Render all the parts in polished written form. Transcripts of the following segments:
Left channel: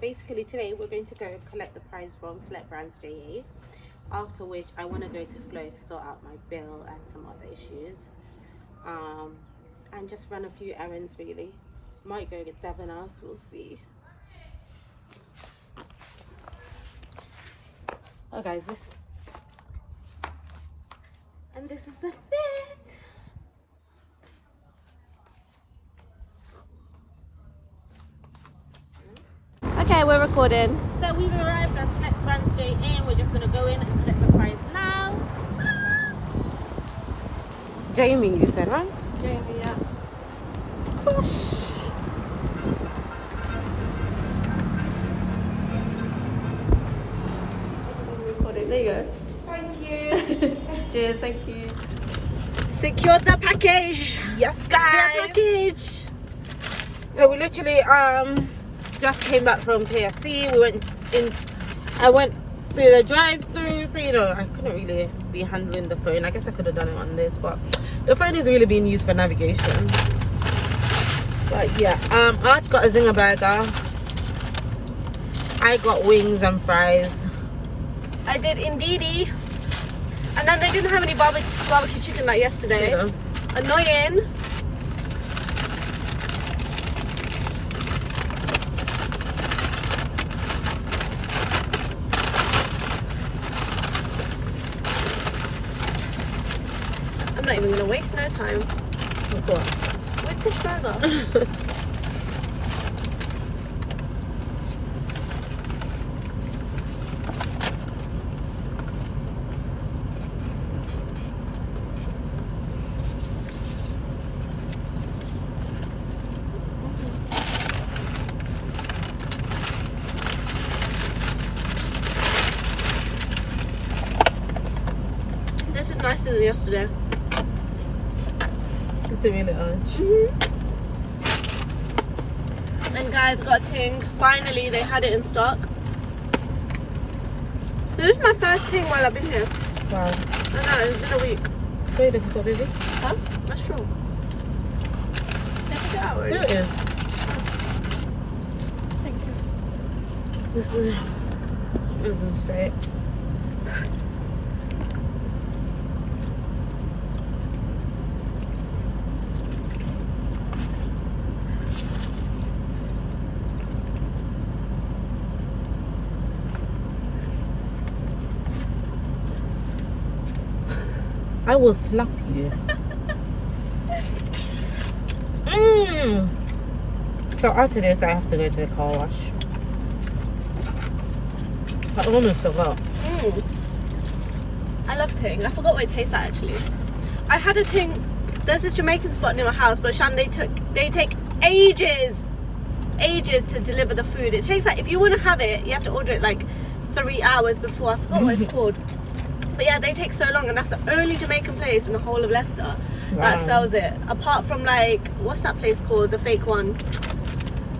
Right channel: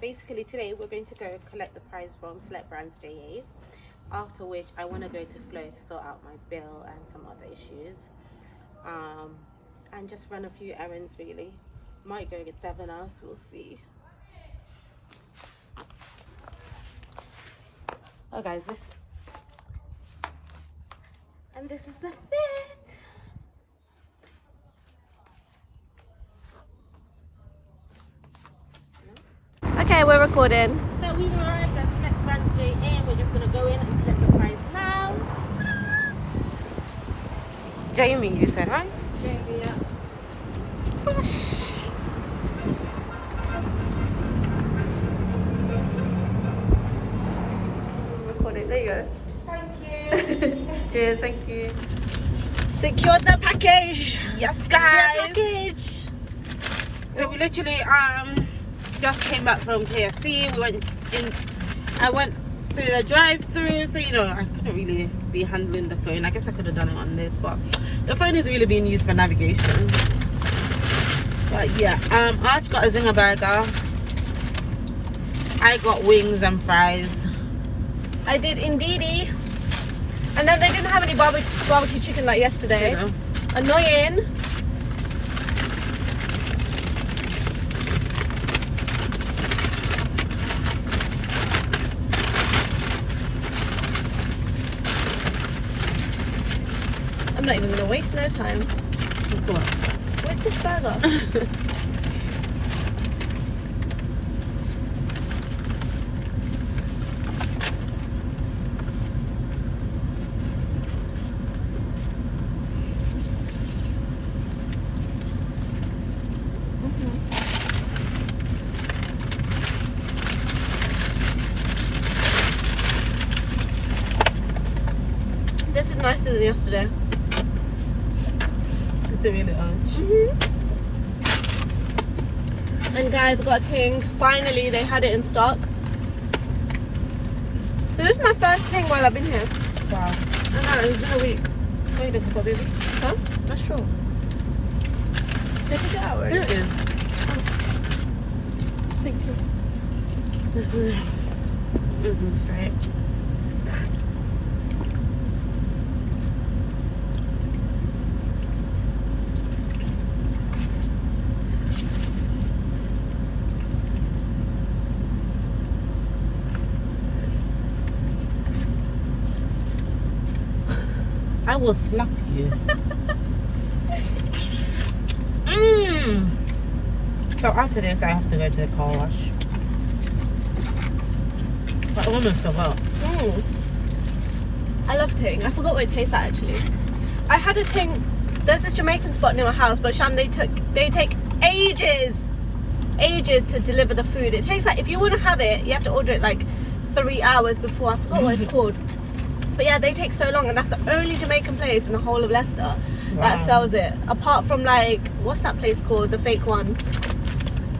basically today we're going to go collect the prize from Select Brands JA, after which I want to go to Flow to sort out my bill and some other issues, and just run a few errands really. Might go get Devon House, we'll see. Oh guys, this is the fit. Okay, we're recording. So we've arrived at Select Brands JA and we're just gonna go in and collect the prize now. Jamie, you said, right? Jamie, yeah. Whoosh. Recording. There you go. Thank you. Cheers. Thank you. Secured the package. Yes, guys. The package. So we literally just came back from KFC. We went in. I went through the drive-through, so you know I couldn't really be handling the phone. I guess I could have done it on this, but the phone is really being used for navigation. But yeah, Arch got a zinger burger. I got wings and fries. I did indeedy. And then they didn't have any barbecue chicken like yesterday. You know. Annoying. I'm not even gonna waste no time with this burger. This is nicer than yesterday. It's a really Arch. And guys, got a ting. Finally, they had it in stock. This is my first ting while I've been here. Wow. I know, it's been a week. Wait a couple, baby. Huh? That's true. Take it out already. Here it is. Thank you. This isn't straight. I will slap you. So after this, I have to go to the car wash. I almost forgot. I love ting. I forgot what it tastes like actually. I had a ting. There's this Jamaican spot near my house, but Shani, they take ages to deliver the food. It takes like, if you want to have it, you have to order it like 3 hours before. I forgot what it's called. But yeah, they take so long, and that's the only Jamaican place in the whole of Leicester that sells it. Apart from like, what's that place called? The fake one,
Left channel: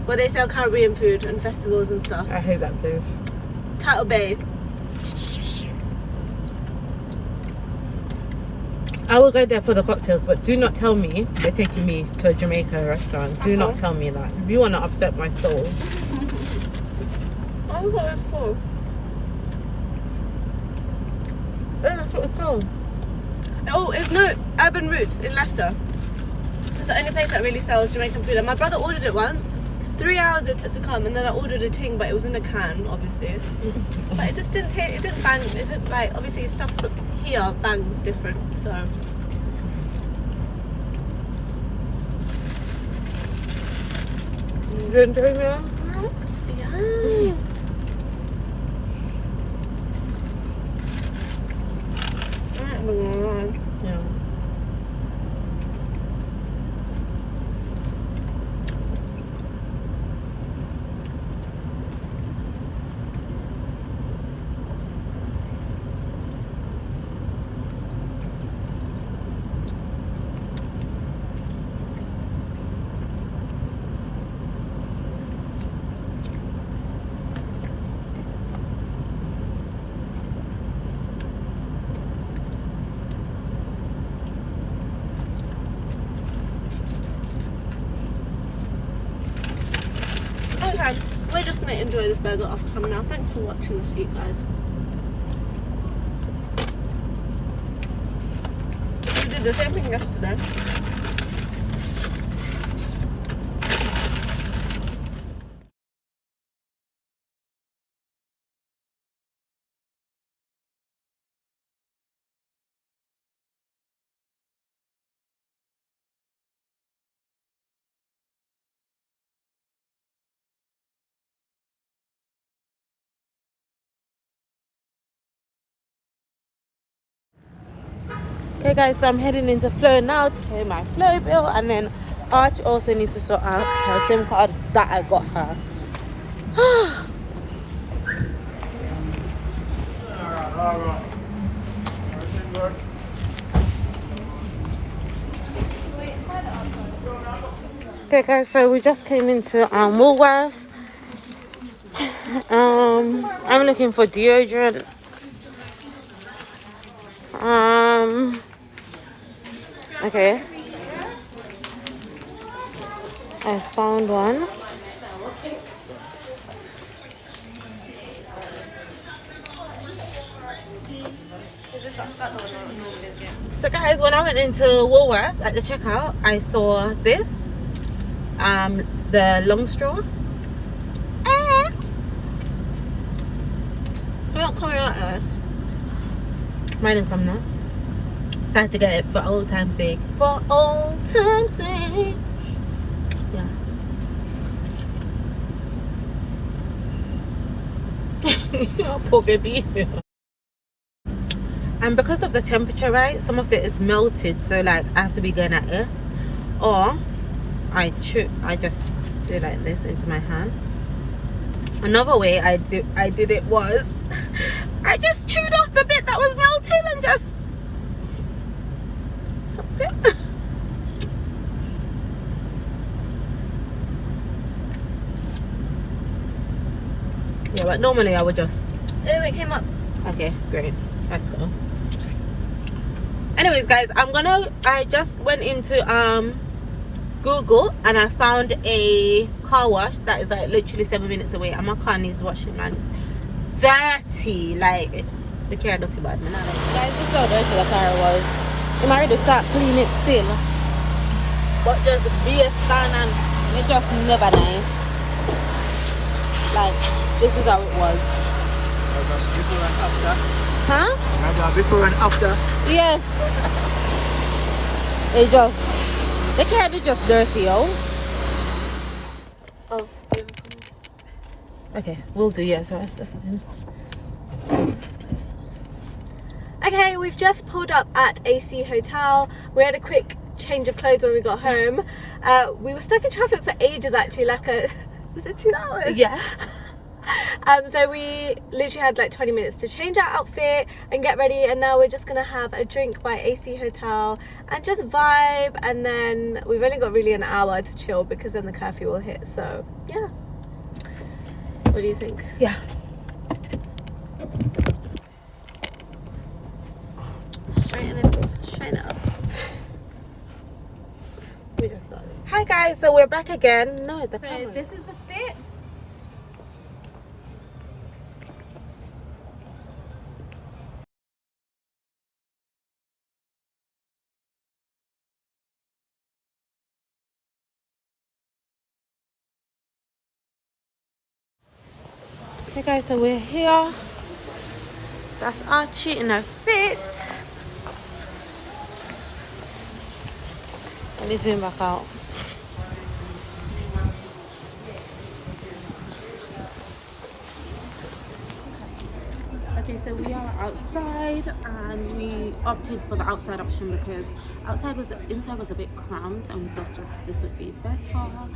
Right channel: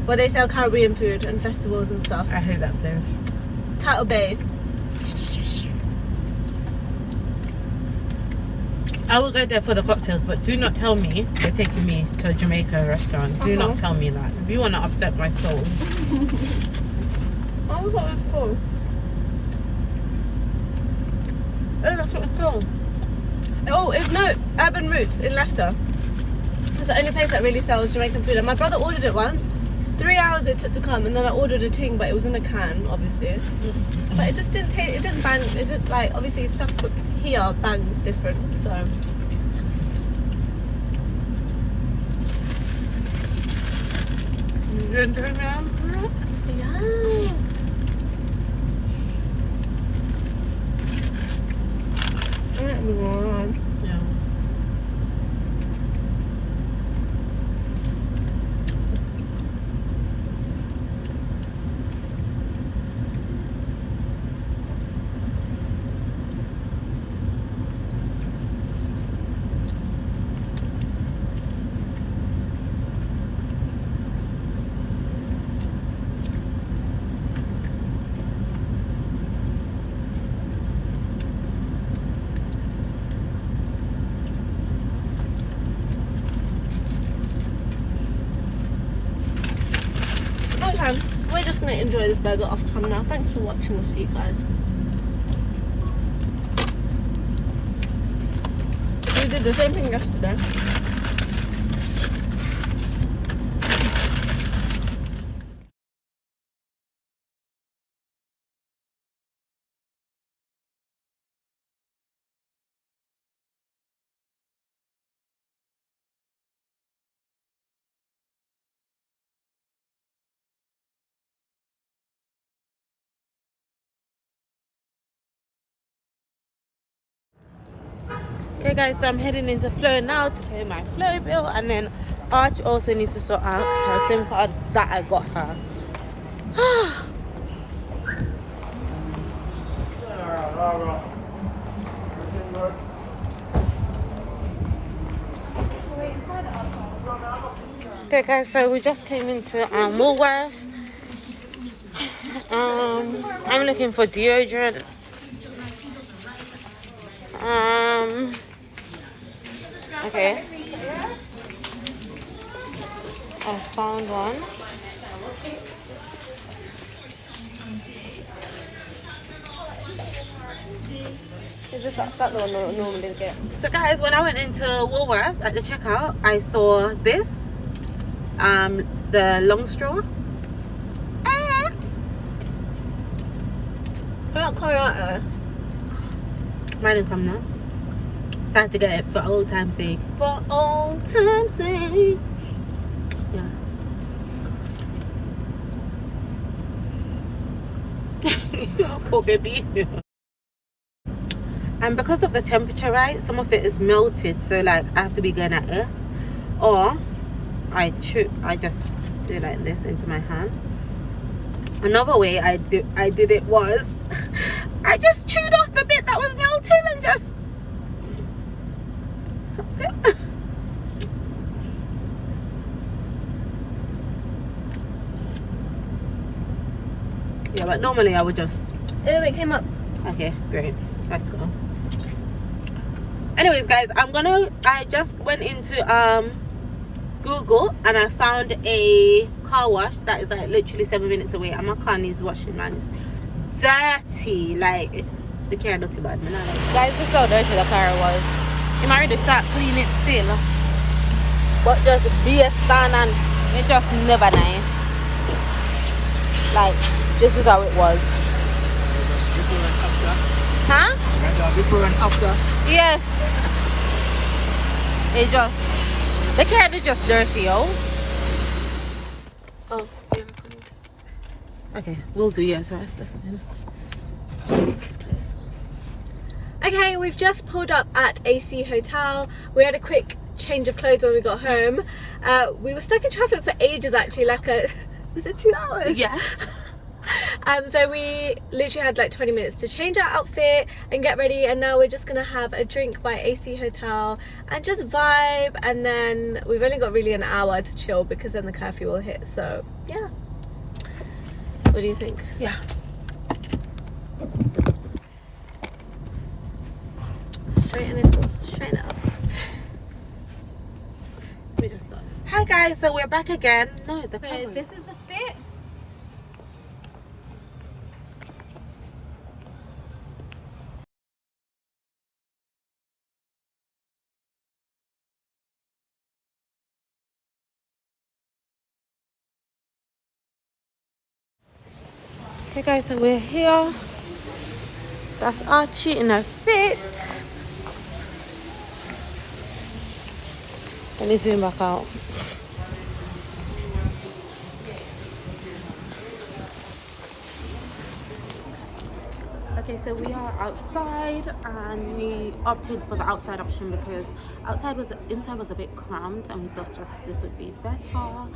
where they sell Caribbean food and festivals and stuff. I hate that place. Shoutout. I will go there for the cocktails, but do not tell me you're taking me to a Jamaican restaurant. Do not tell me that. If you want to upset my soul. I forgot what it's called. Oh, that's what it's called. Oh, it's no, Urban Roots in Leicester. It's the only place that really sells Jamaican food. And my brother ordered it once. 3 hours it took to come, and then I ordered a ting, but it was in a can, obviously. But it just didn't taste, it didn't bang, it didn't like, obviously stuff here bangs different, so. You didn't turn around? Yeah. Yeah. enjoy this burger off camera now. Thanks for watching us eat, guys. We did the same thing yesterday. Okay guys, so I'm heading into Flow now to pay my Flow bill, and then Arch also needs to sort out her SIM card that I got her. Okay guys, so we just came into Woolworths. I'm looking for deodorant. Okay, I found one. So guys, when I went into Woolworths at the checkout, I saw this, the long straw. Mine is coming now. So I had to get it for old time's sake. For old time's sake. Yeah. Oh, poor baby. And because of the temperature, right, some of it is melted, so like I have to be going at it, or I just do it like this into my hand. Another way I did it was I just chewed off the bit that was melted and just sucked it. Yeah, but normally I would just. It came up. Okay, great. Let's go. Anyways, guys, I just went into Google and I found a car wash that is like literally 7 minutes away, and my car needs washing, man. It's dirty, like the car dirty bad, man. Guys, this is how dirty the car was. I'm already start clean it still, but just be a stand and it just never nice. Like this is how it was. Before and after. Huh? Before and after. Yes. It just, the car is just dirty, yo. Oh, yeah. Okay, we'll do, yes, the rest this one. Okay, we've just pulled up at AC Hotel. We had a quick change of clothes when we got home. We were stuck in traffic for ages, actually, was it 2 hours? Yes. So we literally had like 20 minutes to change our outfit and get ready, and now we're just gonna have a drink by AC Hotel and just vibe, and then we've only got really an hour to chill because then the curfew will hit. So yeah, what do you think? Yeah. Straighten it up. We just started. Hi guys, so we're back again. No, the So camera. this is the fit. Okay guys, so we're here. That's Archie in her fit. Let me zoom back out. Okay, so we are outside and we opted for the outside option because inside was a bit cramped, and we thought just this would be better.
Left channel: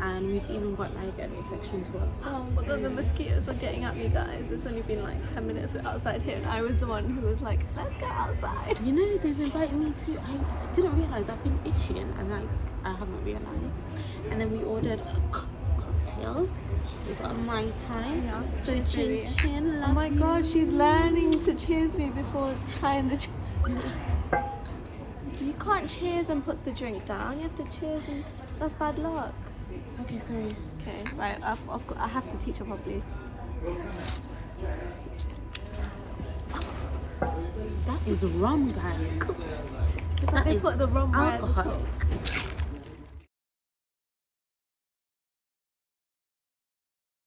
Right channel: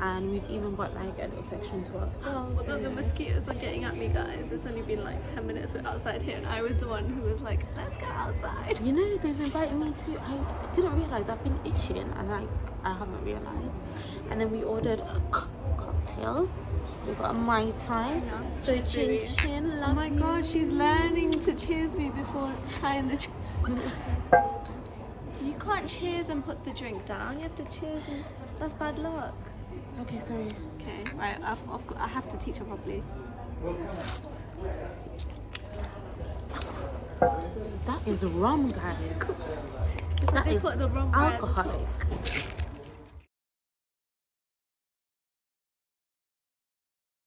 And we've even got like a little section to ourselves. Although the mosquitoes are getting at me, guys. It's only been like 10 minutes outside here, and I was the one who was like, let's go outside. You know, they've invited me to, I didn't realise I've been itching, and I haven't realised. And then we ordered cocktails. We got a Mai Tai. Yeah, so chin, love oh my you. god, she's learning to cheers me before trying the drink. You can't cheers and put the drink down. You have to cheers, and that's bad luck. Okay, sorry. Okay, right. I have to teach her properly. That is rum, guys. It's like they is put the rum alcoholic.